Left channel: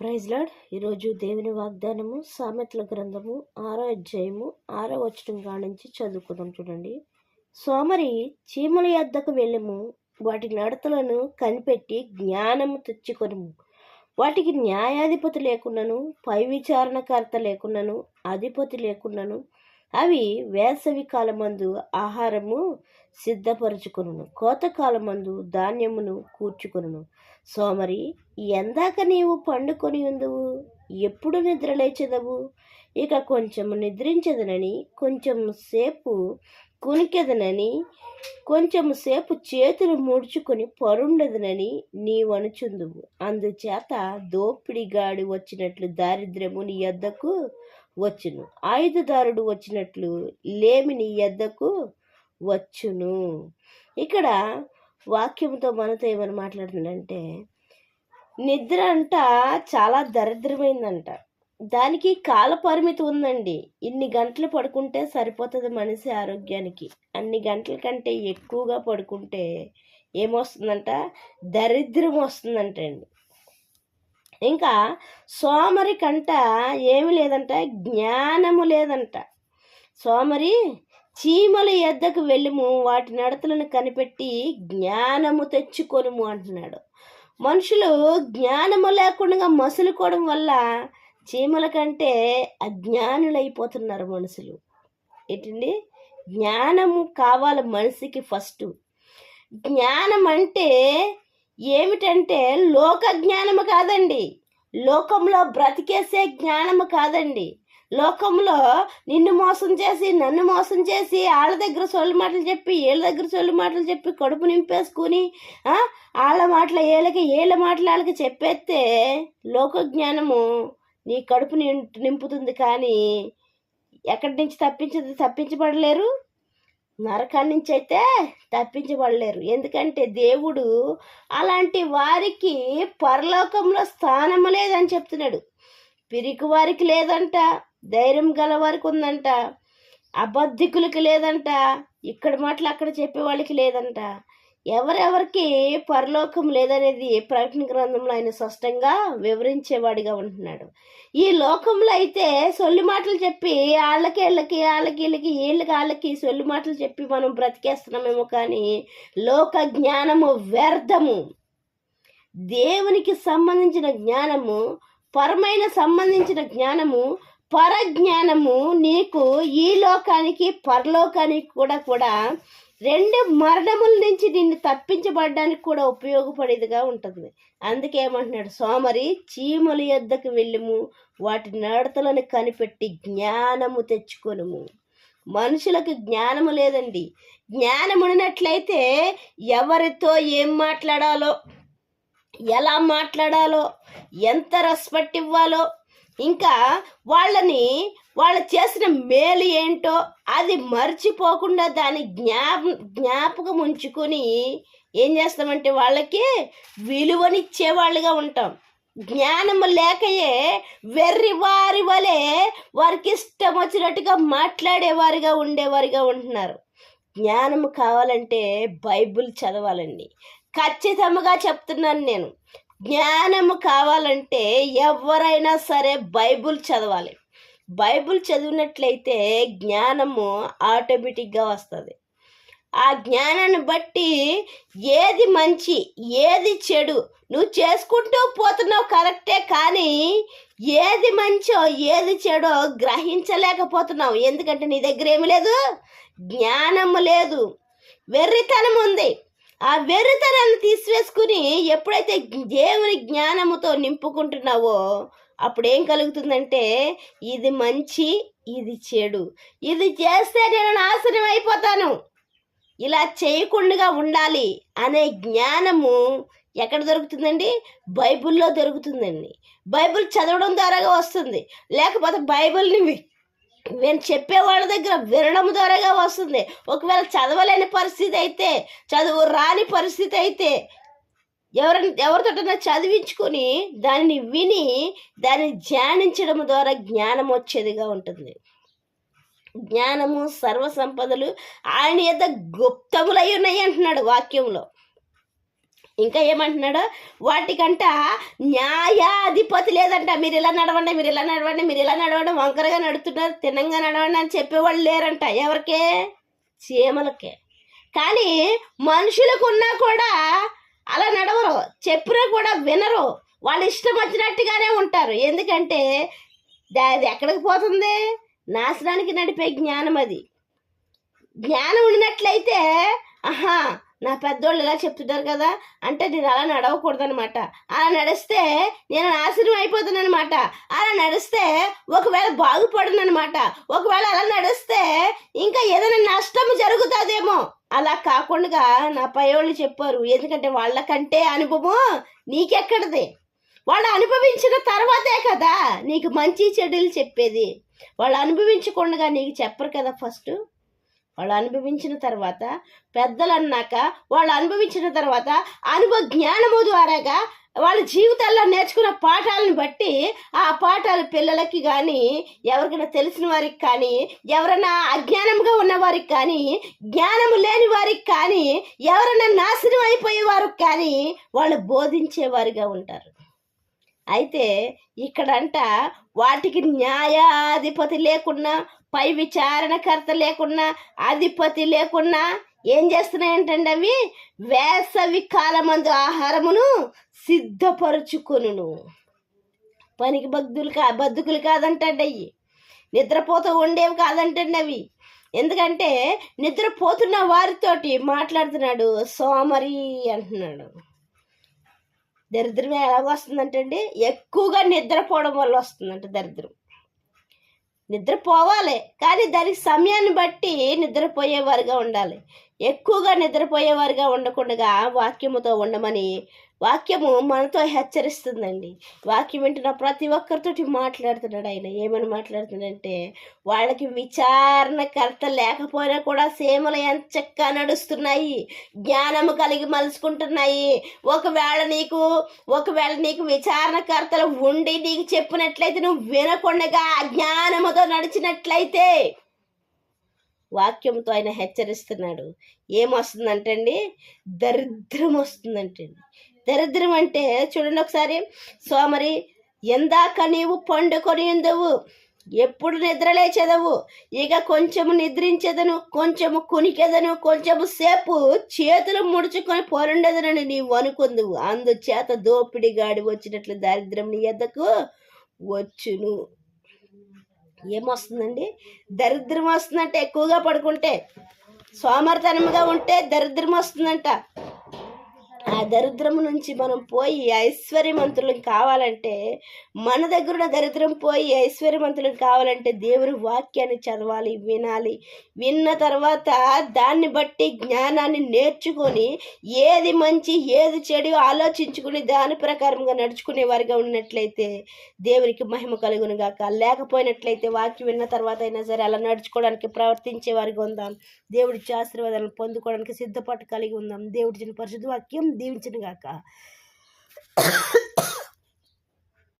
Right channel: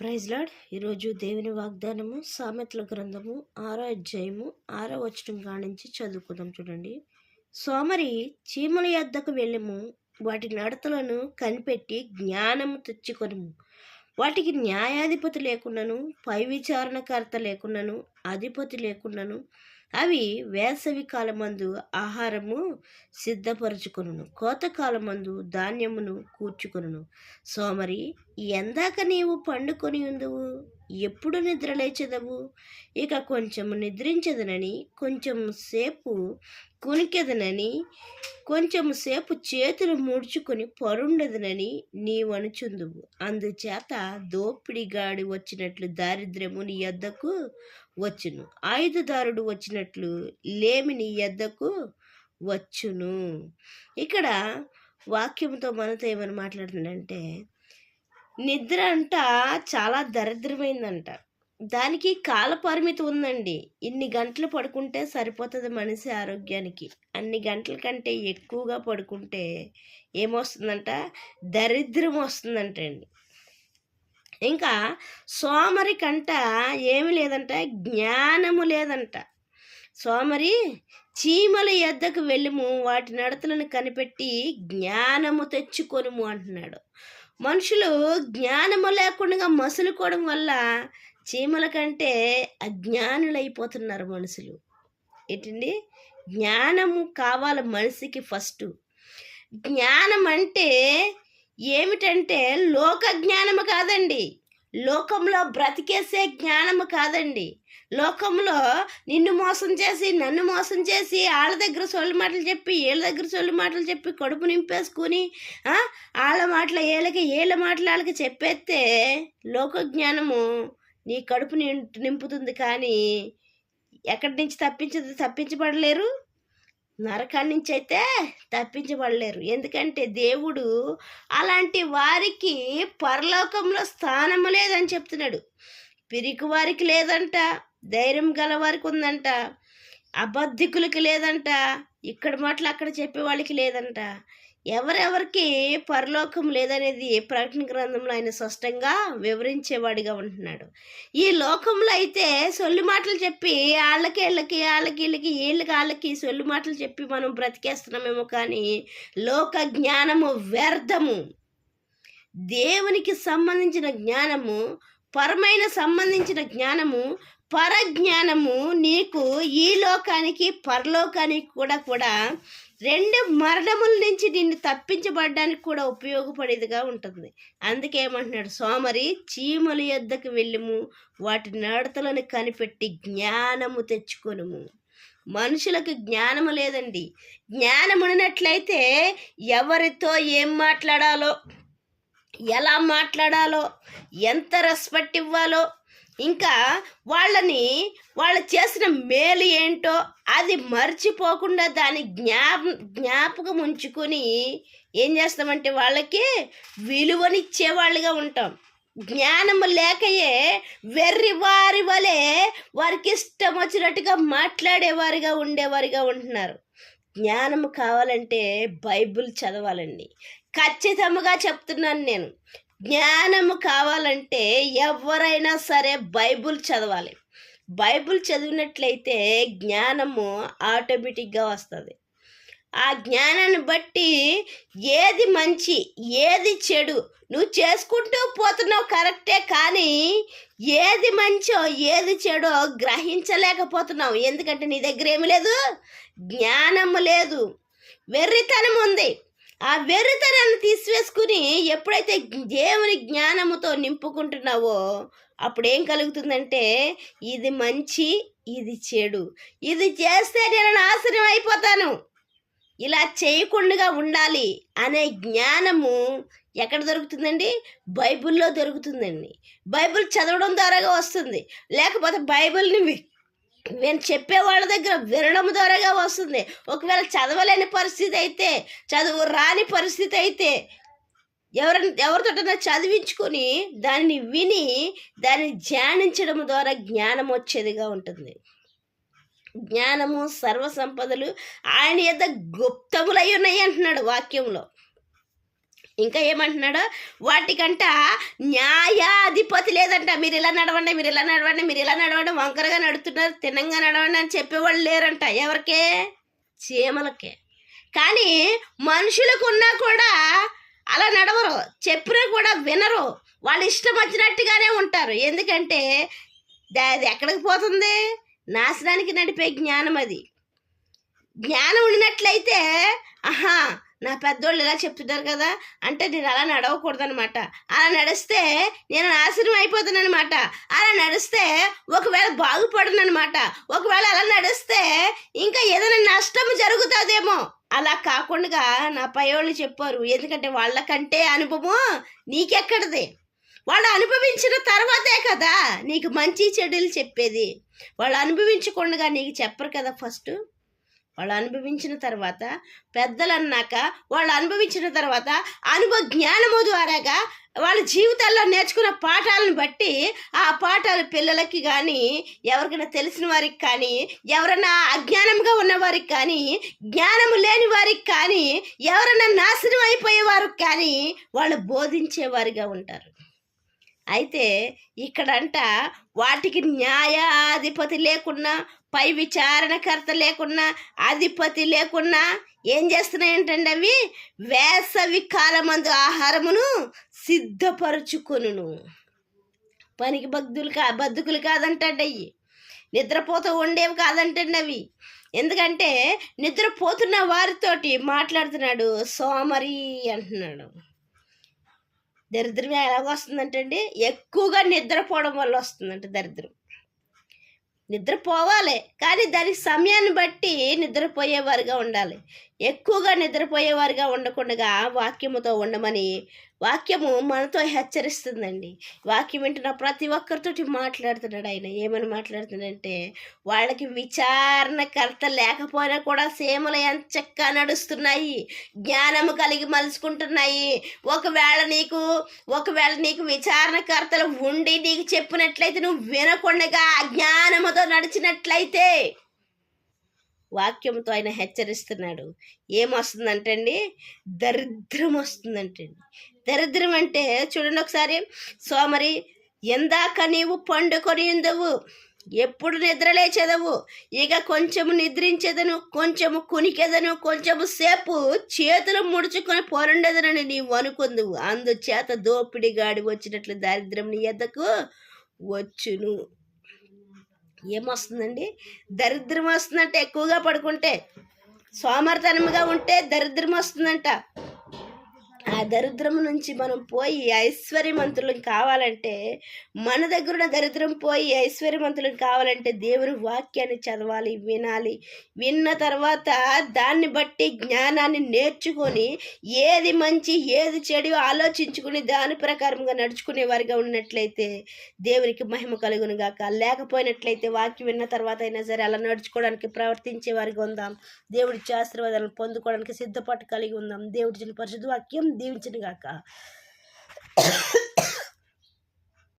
Praise lord. ఈరోజు దేవుని వాగ్దానము సామెతల గ్రంథము 6వ అధ్యాయము 6వ వచనం కానించి చదువుకుందాం. చూడండి. సోమరి చీమల యొద్దకు వెళ్ళము, వాటి నడతలను కనిపెట్టి జ్ఞానము తెచ్చుకొనుము. వాటికి న్యాయాధిపతి లేకున్నను, పై విచారణకర్త లేకున్నను, అధిపతి లేకున్నను అవి వేసవి కాలమందు ఆహారము సిద్ధపరచుకొనును, కోతకాలమందు ధాన్యమును కూర్చుకొనును. సోమరి, ఎందాక నీవు పండుకొని ఉందువు? ఎప్పుడు నిద్ర లేచెదవు? ఇక కొంచెము నిద్రించదనని, కొంచెం సేపు కునికెదనని, కొంచెము సేపు చేతులు ముడుచుకొని పరుండదనని నీవనుచుందువు. అందుచేత దోపిడిగాడి వచ్చినట్లు దారిద్ర్యము నీ యొద్దకు వచ్చును, ఆయుధదారుడు వచ్చినట్లు లేమి నీ యొద్దకు వచ్చును. ఇక్కడ వాక్యంతో మనతో ఏమని మాట్లాడుతుందంటే, నిద్ర అంట చాలా దరిద్రమైందంట. దానికి కాల పరిమితి ఉందండి. ఇన్ని గంటలు పడుకుంటే సరిపోతుంది మనిషి ఆరోగ్యానికి. అన్ని గంటల కంటే ఎక్కువగా పడుకుంటే ఏమొస్తుందంట? దరిద్రం వస్తుందంటండి. ఇంకా సోమరి కంట ఏమి లేదంట? జ్ఞానము లేదంట. సోమరి, చీమల యొద్దకు వెళ్ళుము, వాటి నడతలను కనిపెట్టి జ్ఞానము తెచ్చుకొనుము అంటున్నాడు. మనుషులు జ్ఞానము లేకుండా మసులుకోవడం వల్ల చీమల కంటే అజ్ఞానులైపోతున్నారు మనుషులు. ఏంటండి? జ్ఞానము కావాలి మనిషికి. ఫస్ట్ జ్ఞానం అంటే ఏమిటంటే లోక జ్ఞానము కాదండి, లోకంలో బ్రతికేసే జ్ఞానము కాదండి. లోకంలో నిన్ను మోసం చేసి, నన్ను మోసం చేసి, వాళ్ళ దగ్గర సొల్లు మాటలు చెప్పి, వీళ్ళ దగ్గర సొల్లు మాటలు చెప్పి కడుపు నింపేసుకుని వాళ్ళ మాటలు వీళ్ళ మాటలు వాళ్ళకి చెప్పేస్తే లోక జ్ఞానము నీ కడుపు నింపుతుంది. కానీ ఎక్కడి నుంచి తప్పించబడలేరు, నరకాల నుంచి అయితే తప్పించబడలేరు. ఎందుకంటే దేవుడు అలాంటి వారికి పరలోకంలో స్థానము లేదని చెప్తున్నాడు. పిరికి వారికి లేదంట, ధైర్యం గల వారికి ఉందంట, అబద్ధికులకి లేదంట, ఇక్కడ మాటలు అక్కడ చెప్పే వాళ్ళకి లేదంట. ఎవరెవరికి పరలోకం లేదనేది ప్రకటన గ్రంథంలో ఆయన స్పష్టంగా వివరించేవాడిగా ఉంటున్నాడు. ఈ లోకంలో అయితే సొల్లు మాటలు చెప్పి వాళ్ళకి సొల్లు మాటలు చెప్పి మనం బ్రతికేస్తున్నామేమో, కానీ లోక జ్ఞానము వ్యర్థము. దేవునికి సంబంధించిన జ్ఞానము, పరమైన సంబంధించిన జ్ఞానము, పరజ్ఞానము నీకు ఈ లోకానికి పరలోకానికి కూడా రెండు మరణముల నుంచి నిన్ను తప్పించబడడానికి కూడా ఉపయోగపడేదిగా ఉంటుంది. అందుకే ఏమంటున్నాడు? సోమరి, చీమల యొద్దకు వెళ్ళుము, వాటి నడతలను కనిపెట్టి జ్ఞానము తెచ్చుకొనుము. మనుషులకు జ్ఞానము లేదండి. జ్ఞానం ఉన్నట్లయితే ఎవరితో ఏం మాట్లాడాలో, ఎలా మాట్లాడాలో, ఎంత రెస్పెక్ట్ ఇవ్వాలో, ఇంకా వాళ్ళు చేసిన మేలు ఏంటో అది మర్చిపోకుండా దాన్ని జ్ఞాపకం ఉంచుకొని ఏం చేస్తామంటే వాళ్ళకి విలువనిచ్చేవాళ్ళుగా ఉంటాం. జ్ఞానము లేకయే వెర్రివారి వలె వారికి ఇష్టం వచ్చినట్టుగా మాట్లాడేవారిగా ఉండేవారిగా ఉంటున్నారు. జ్ఞానము కావాలంటే బైబిల్ చదవాలండి. ఖచ్చితంగా చెప్తున్నాను నేను. జ్ఞానము కావాలంటే ఎవరైనా సరే బైబిల్ చదవాలి. బైబిల్ చదివినట్లయితే జ్ఞానము ఆటోమేటిక్గా వస్తుంది. ఆ జ్ఞానాన్ని బట్టి ఏది మంచి, ఏది చెడు నువ్వు చేసుకుంటూ పోతున్నావు కరెక్టే, కానీ ఏది మంచో ఏది చెడో గ్రహించలేకపోతున్నావు. ఎందుకంటే నీ దగ్గర ఏమి లేదు? జ్ఞానము లేదు, వెర్రితనం ఉంది. ఆ వెర్రితనాన్ని తీసివేసుకుని ఎప్పుడైతే దేవుని జ్ఞానముతో నింపుకుంటున్నావో అప్పుడేం కలుగుతుందంటే, ఇది మంచి, ఇది చెడు, ఇది చేస్తే నేను నాశనం అయిపోతాను, ఇలా చేయకుండా ఉండాలి అనే జ్ఞానము ఎక్కడ దొరుకుతుందండి? బైబిల్లో దొరుకుతుందండి. బైబిల్ చదవడం ద్వారాగా వస్తుంది, లేకపోతే బైబిల్ని నేను చెప్పే వాళ్ళ దగ్గర వినడం ద్వారాగా వస్తుంది. ఒకవేళ చదవలేని పరిస్థితి అయితే, చదువు రాని పరిస్థితి అయితే ఎవరితోటైనా చదివించుకొని దాన్ని విని దాన్ని ధ్యానించడం ద్వారా జ్ఞానం వచ్చేదిగా ఉంటుంది. జ్ఞానము సర్వ సంపదలు ఆయన యొద్ద గుప్తములై ఉన్నాయి అంటున్నాడు వాక్యంలో. ఇంకా ఏమంటున్నాడు, వాటికంట న్యాయాధిపతి లేదంట. మీరు ఇలా నడవండి, మీరు ఇలా నడవండి, మీరు ఇలా నడవండి, వంకరగా నడుతున్నారు, తిన్నంగా నడవండి అని చెప్పేవాళ్ళు లేరంట. ఎవరికే? చీమలకే. కానీ మనుషులకు ఉన్నా కూడా అలా నడవరు, చెప్పినా కూడా వినరు, వాళ్ళు ఇష్టం వచ్చినట్టుగానే ఉంటారు. ఎందుకంటే అది ఎక్కడికి పోతుంది? నాశనానికి నడిపే జ్ఞానం అది. జ్ఞానం ఉన్నట్లయితే ఆహా నా పెద్దోళ్ళు ఇలా చెప్తున్నారు కదా అంటే నేను అలా నడవకూడదనమాట, అలా నడిస్తే నేను నాశనం అయిపోతానమాట, అలా నడిస్తే ఒకవేళ బాగుపడనమాట, ఒకవేళ అలా నడిస్తే ఇంకా ఏదైనా నష్టం జరుగుతుందేమో. అలా కాకుండా నా పైవాళ్ళు చెప్పారు. ఎందుకంటే వాళ్ళకంటే అనుభవం నీకెక్కడది? వాళ్ళు అనుభవించిన తర్వాతే కదా నీకు మంచి చెడులు చెప్పేది. వాళ్ళు అనుభవించకుండా నీకు చెప్పరు కదా. ఫస్ట్ వాళ్ళు అనుభవించిన తర్వాత, పెద్దలు అన్నాక వాళ్ళు అనుభవించిన తర్వాత అనుభవ జ్ఞానము ద్వారాగా వాళ్ళ జీవితాల్లో నేర్చుకున్న పాఠాలను బట్టి ఆ పాఠాలు పిల్లలకి కానీ, ఎవరికైనా తెలిసిన వారికి కానీ, ఎవరైనా అజ్ఞానంగా ఉన్నవారికి కానీ, జ్ఞానము లేని వారికి కానీ, ఎవరైనా నాశనం అయిపోయే వారికి కానీ వాళ్ళు బోధించేవారిగా ఉంటారు. అయితే ఇక్కడంట వాటికి న్యాయాధిపతి లేకున్నా, పై విచారణకర్త లేకున్నా, అధిపతి లేకున్నా ఏం చేస్తున్నాయంటండి అవి? వేసవి కాలమందు ఆహారమును సిద్ధపరుచుకొనును. పనికి బద్దుకులు కాదంటండి అవి, నిద్రపోతూ ఉండేవి కాదంటండి అవి. ఎందుకంటే నిద్రపోతున్న వారితోటి మాట్లాడుతున్నాడు, సోమరి అంటున్నాడు. దరిద్రం ఎలాగ వస్తుందంటండి? ఎక్కువగా నిద్రపోవడం వల్ల వస్తుందంట దరిద్రం. నిద్రపోవాలి, కానీ దానికి సమయాన్ని బట్టి నిద్రపోయేవారుగా ఉండాలి. ఎక్కువగా నిద్రపోయేవారుగా ఉండకుండా వాక్యముతో ఉండమని వాక్యము మనతో హెచ్చరిస్తుందండి. వాక్యం వింటున్న ప్రతి ఒక్కరితోటి మాట్లాడుతున్నాడు ఆయన. ఏమని మాట్లాడుతున్నాడంటే, వాళ్ళకి విచారణకర్త లేకపోయినా కూడా సేమలు ఎంత చక్కగా నడుస్తున్నాయి, జ్ఞానము కలిగి మలుచుకుంటున్నాయి. ఒకవేళ నీకు విచారణకర్తలు ఉండి నీకు చెప్పినట్లయితే నువ్వు వినకుండా అజ్ఞానముతో నడిచినట్లయితే, వాక్యంతో ఆయన హెచ్చరిస్తున్నాడు. ఏమొస్తుందంటండి? దరిద్రం వస్తుందంటండి. దరిద్రం అంటే చూడండి ఒకసారి, సోమరి ఎందాక నీవు పండుకొని ఉండవు, ఎప్పుడు నిద్ర లేచేదవు, ఇక కొంచెము నిద్రించేదను, కొంచెము కునికెదను, కొంచెము సేపు చేతులు ముడుచుకొని పొరుండదనని నీవు అనుకుందువు, అందుచేత దోపిడిగాడి వచ్చినట్లు దారిద్రం నీ ఎద్దకు వచ్చును. ఏమొస్తుందండి? దరిద్రం వస్తుందంటే ఎక్కువగా పడుకుంటే, సోమరితనంగా ఉంటే దరిద్రం వస్తుందంట. ఆ దరిద్రం నుంచి మనం పోయి ఐశ్వర్యవంతులం కావాలంటే, మన దగ్గర ఉన్న దరిద్రం పోయి ఐశ్వర్యవంతులం కావాలంటే దేవుని వాక్యాన్ని చదవాలి, వినాలి. విన్న తర్వాత దాన్ని బట్టి జ్ఞానాన్ని నేర్చుకొని ఏది మంచి ఏది చెడు ఆలోచించుకుని దాని ప్రకారంగా నడుచుకునే వారిగా ఉన్నట్లయితే దేవునికి మహిమ కలుగును గాక. లేకపోయినట్లయితే వాక్యం విన్న తర్వాత అయినా సరే అలా నడుచుకోవడానికి ప్రవర్తించే వారిగా ఉందాం. దేవుడి ఆశీర్వాదాలను పొందుకోవడానికి సిద్ధపాటు కలిగి ఉందాం. దేవుడి పరిశుద్ధ వాక్యం దీవించును గాక.